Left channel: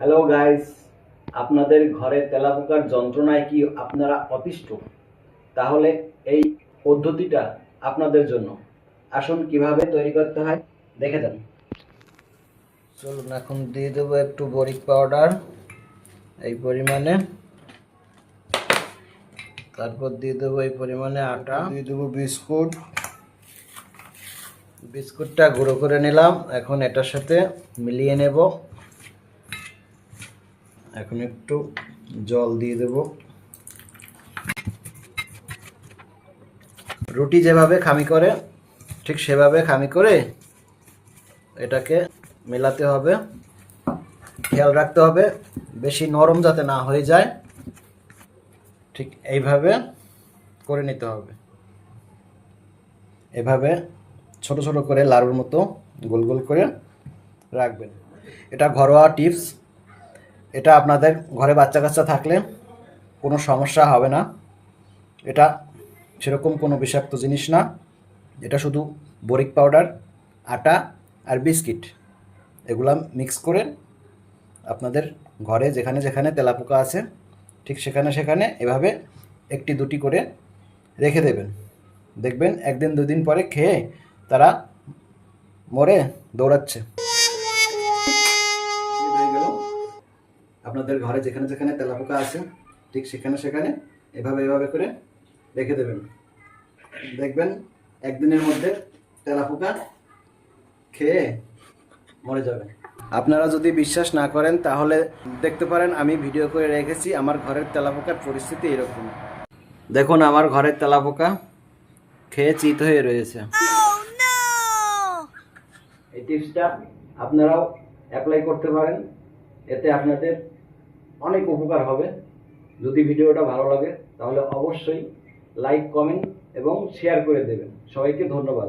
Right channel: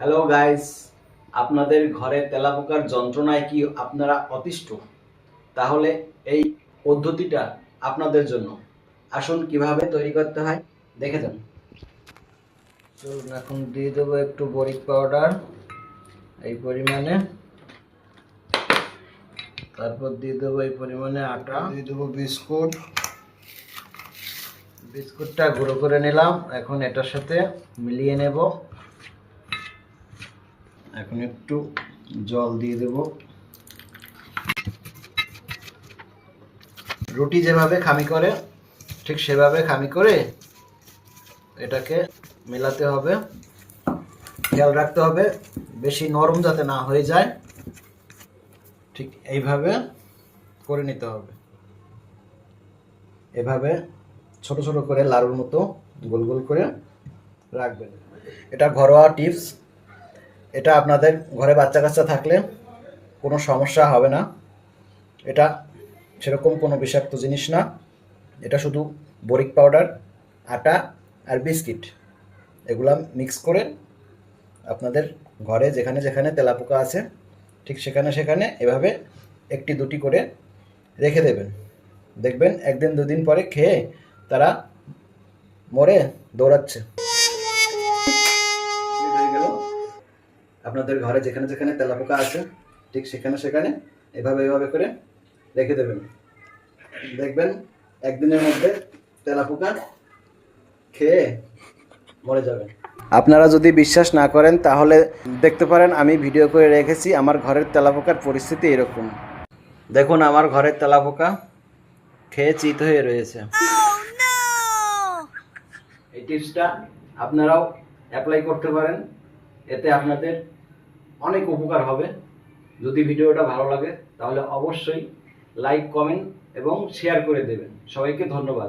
Hello guys, আপনাদের ঘরে তেলাপোকার যন্ত্রণায় কি আপনারা অতিষ্ঠ? তাহলে এই পদ্ধতিটা আপনাদের জন্য। আসুন কিভাবে তৈরি করতে হয় দেখে যান। চলুন এখন দিয়ে দেবো একটু বরিক পাউডার এই পরিমাণে, তারপর দিয়ে দেবো এই পরিমাণে আটা, দিয়ে দেবো বিস্কুটটা গুঁড়ো করে নিলাম। এখন এটার সাথে মিলিয়ে নেব। এখন একটু জল দিয়ে দেব। রুটি যেভাবে খামি করে ঠিক সেভাবে খামি করে এটাকে মেলাতে হবে। খেয়াল রাখতে হবে বেশি নরম যাতে না হয়ে যায়। ঠিক এইভাবে করে নিতে হবে। এভাবে ছোট ছোট করে লাড়ুর মতো গোল গোল করে রাখবেন। এটা ঘরোয়া টিপস। এটা আপনাদের ঘরে বাচ্চা কাচ্চা থাকলে কোনো সমস্যা হবে না। এটা সেরকম কোনো বিষাক্ত জিনিস না। এটা শুধু বরিক পাউডার, আটা আর বিস্কিট এগুলা মিক্স করে আপনাদের ঘরে যেখানে যেখানে তেলাপোকা আছে ঠিক সেখানে সেখানে এভাবে একটি দুটি করে রেখে দেবেন। দেখবেন একদিন দুদিন পরে খেয়ে তারা মরে দৌড়াচ্ছে। হয়ে গেল। আপনাদের ঘরে যেখানে যেখানে তেলাপোকা আছে ঠিক সেখানে সেখানে এভাবে এভাবে করে রেখে দেবেন। দেখবেন একদিনের মধ্যে তেলাপোকা খেয়ে মরে যাবে। আপনারা যদি বিশ্বাস না করেন তাহলে দেখতে পারেন, আমি ভিডিও করে রেখেছি আমার ঘরের তেলাপোকার পরিস্থিতি এরকম। দেখুন আমার ঘরের তেলাপোকা খেয়ে চিত হয়ে রয়েছে। এই টিপসটা আপনারাও অ্যাপ্লাই করতে পারেন, এতে আপনাদের অনেক উপকার হবে। যদি ভিডিওটা ভালো লাগে তাহলে অবশ্যই লাইক, কমেন্ট এবং শেয়ার করে দেবেন। সবাইকে ধন্যবাদ।